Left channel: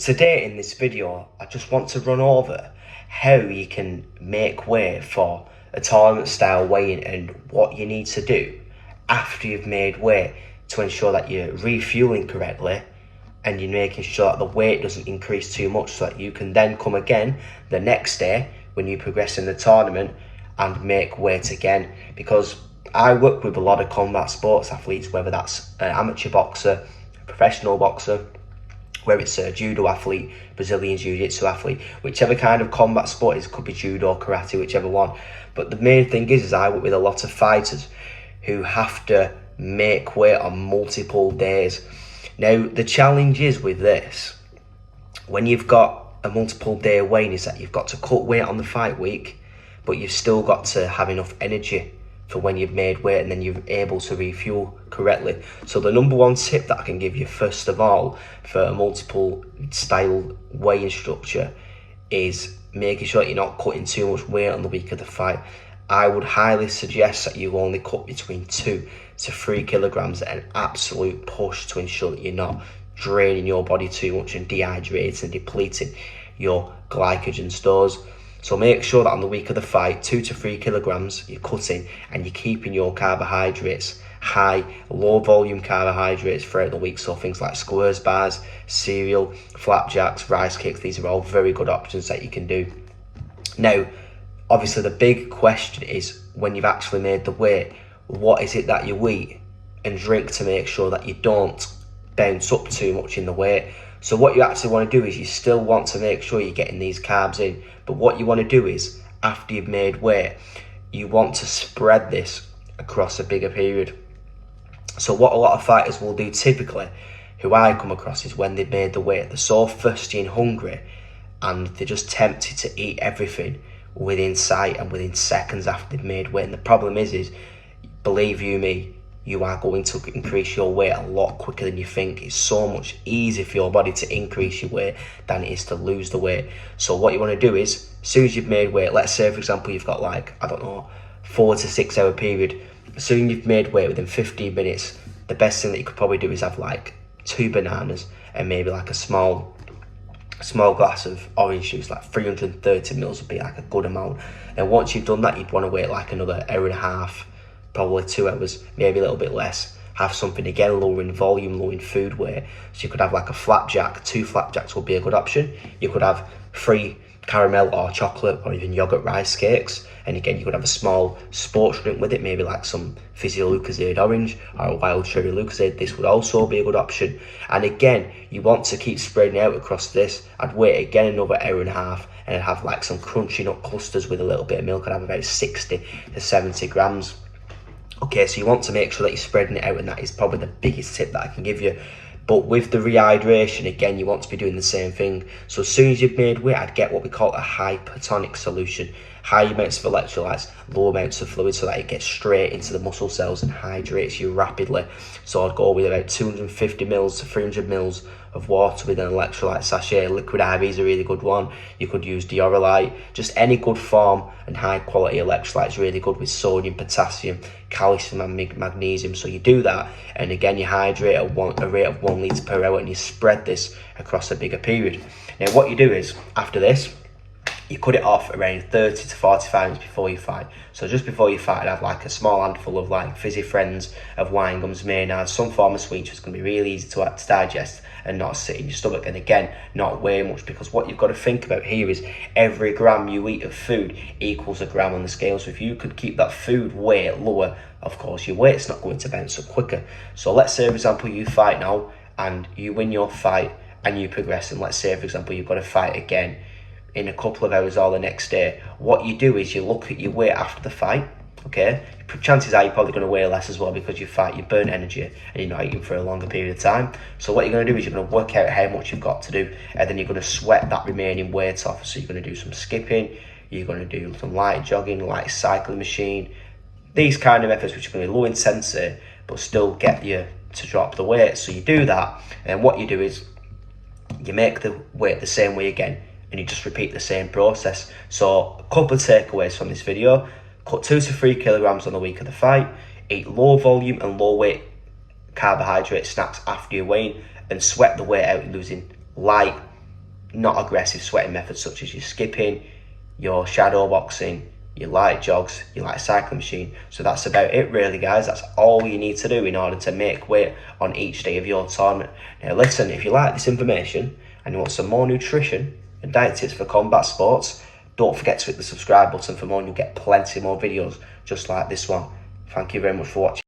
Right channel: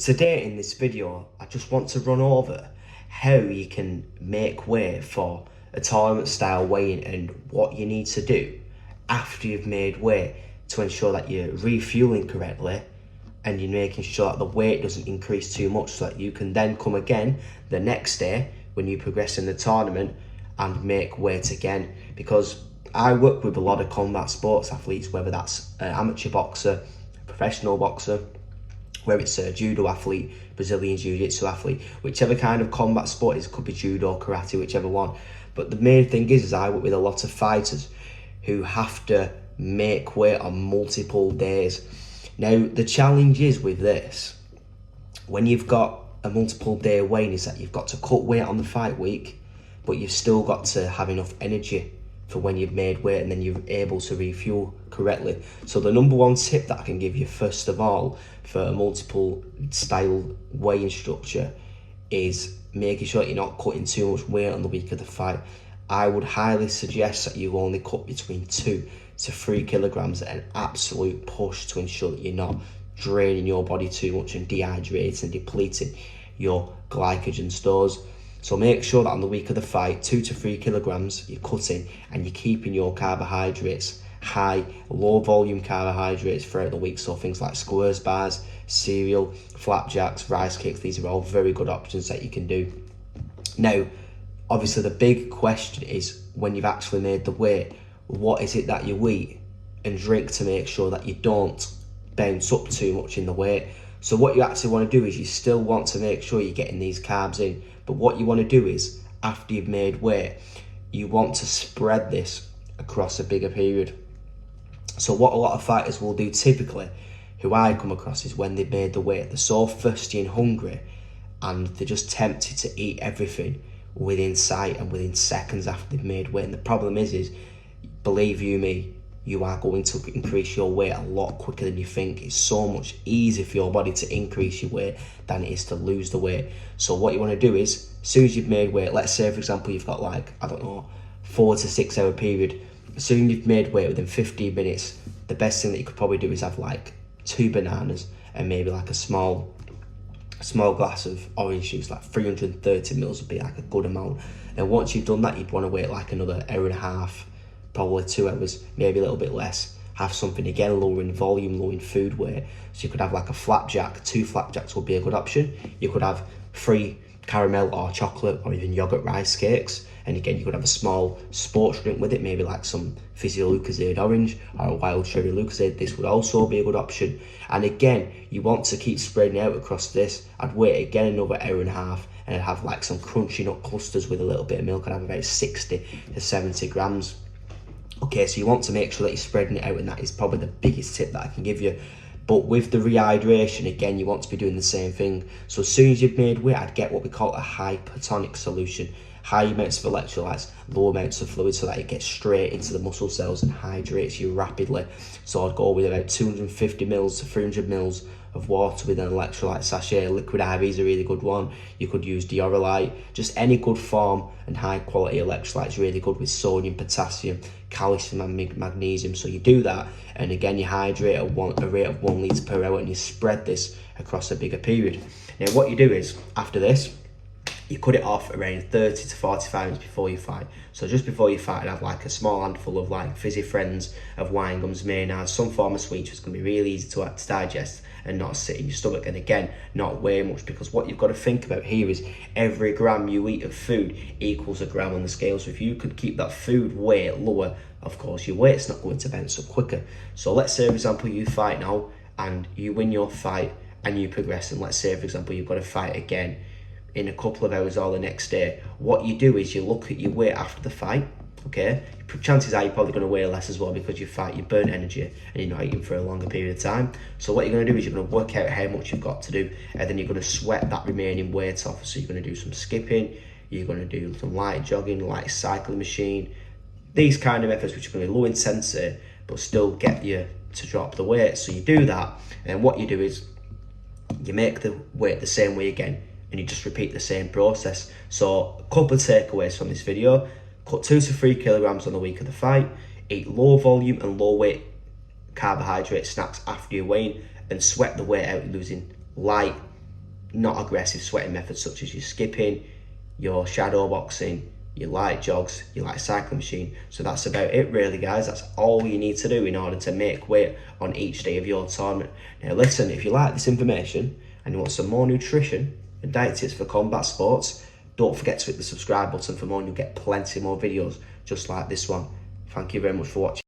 today in this video, I just want to run over how you can make weight for a tournament style weigh-in and what you need to do after you've made weight to ensure that you're refueling correctly and you're making sure that the weight doesn't increase too much so that you can then come again the next day when you progress in the tournament and make weight again. Because I work with a lot of combat sports athletes, whether that's an amateur boxer, a professional boxer, whether it's a judo athlete, Brazilian jiu-jitsu athlete, whichever kind of combat sport it is, could be judo, karate, whichever one. But the main thing is I work with a lot of fighters who have to make weight on multiple days. Now, the challenge is with this, when you've got a multiple day weigh-in, is that you've got to cut weight on the fight week, but you've still got to have enough energy for when you've made weight and then you're able to refuel correctly. So the number one tip that I can give you first of all for a multiple style weigh-in structure is making sure that you're not cutting too much weight on the week of the fight. I would highly suggest that you only cut between 2 to 3 kilograms at an absolute push to ensure that you're not draining your body too much and dehydrating and depleting your glycogen stores. So make sure that on the week of the fight, 2 to 3 kilograms you're cutting and you're keeping your carbohydrates high, low volume carbohydrates throughout the week. So things like squares bars, cereal, flapjacks, rice cakes, these are all very good options that you can do. Now, obviously the big question is when you've actually made the weight, what is it that you eat and drink to make sure that you don't bounce up too much in the weight. So what you actually want to do is you still want to make sure you're getting these carbs in, but what you want to do is after you've made weight, you want to spread this across a bigger period. So what a lot of fighters will do typically, who I come across, is when they've made the weight, they're so thirsty and hungry and they're just tempted to eat everything within sight and within seconds after they've made weight. And the problem is believe you me, you are going to increase your weight a lot quicker than you think. It's so much easier for your body to increase your weight than it is to lose the weight. So what you want to do is, as soon as you've made weight, let's say for example you've got like, I don't know, 4 to 6 hour period, as soon as you've made weight within 15 minutes, the best thing that you could probably do is have like 2 bananas and maybe like a small glass of orange juice, like 330 mils would be like a good amount. And once you've done that, you'd want to wait like another hour and a half, probably 2 hours, maybe a little bit less. Have something again lower in volume, lower in food weight. So you could have like a flapjack, 2 flapjacks would be a good option. You could have 3 caramel or chocolate or even yogurt rice cakes. And again, you could have a small sports drink with it, maybe like some Physio Lucozade orange or a wild cherry Lucozade. This would also be a good option. And again, you want to keep spreading out across this. I'd wait again another hour and a half and I'd have like some crunchy nut clusters with a little bit of milk. I'd have about 60 to 70 grams. Okay, so you want to make sure that you're spreading it out, and that is probably the biggest tip that I can give you. But with the rehydration, again, you want to be doing the same thing. So as soon as you've made weight, I'd get what we call a hypertonic solution. High amounts of electrolytes, low amounts of fluid, so that it gets straight into the muscle cells and hydrates you rapidly. So I'd go with about 250 mils to 300 mils of water with an electrolyte sachet. Liquid IV is a really good one. You could use Dioralyte, just any good form and high quality electrolytes, really good with sodium, potassium, calcium and magnesium. So you do that, and again you hydrate at a rate of 1 litre per hour, and you spread this across a bigger period. Now what you do is, after this, you cut it off around 30 to 45 minutes before you fight. So just before you fight, I'd have like a small handful of like Fizzy Friends, of wine gums, Maynards, some form of sweet, it's going to be really easy to digest and not sit in your stomach, and again not weigh much, because what you've got to think about here is every gram you eat of food equals a gram on the scale. So if you could keep that food weight lower, of course your weight's not going to bounce up quicker. So let's say for example you fight now and you win your fight and you progress, and let's say for example you've got to fight again in a couple of hours or the next day. What you do is you look at your weight after the fight. Okay, chances are you're probably going to weigh less as well, because you burn energy and you're not eating for a longer period of time. So what you're going to do is you're going to work out how much you've got to do, and then you're going to sweat that remaining weight off. So you're going to do some skipping, you're going to do some light jogging, light cycling machine, these kind of methods which are going to be low intensity but still get you to drop the weight. So you do that, and what you do is you make the weight the same way again, and you just repeat the same process. So a couple of takeaways from this video: cut 2 to 3 kilograms on the week of the fight, eat low volume and low weight carbohydrate snacks after your weigh-in, and sweat the weight out losing light not aggressive sweating methods such as your skipping, your shadow boxing, your light jogs, your light cycling machine. So that's about it really, guys. That's all you need to do in order to make weight on each day of your tournament. Now listen, if you like this information and you want some more nutrition and diet tips for combat sports, don't forget to hit the subscribe button for more, and you'll get plenty more videos just like this one. Thank you very much for watching.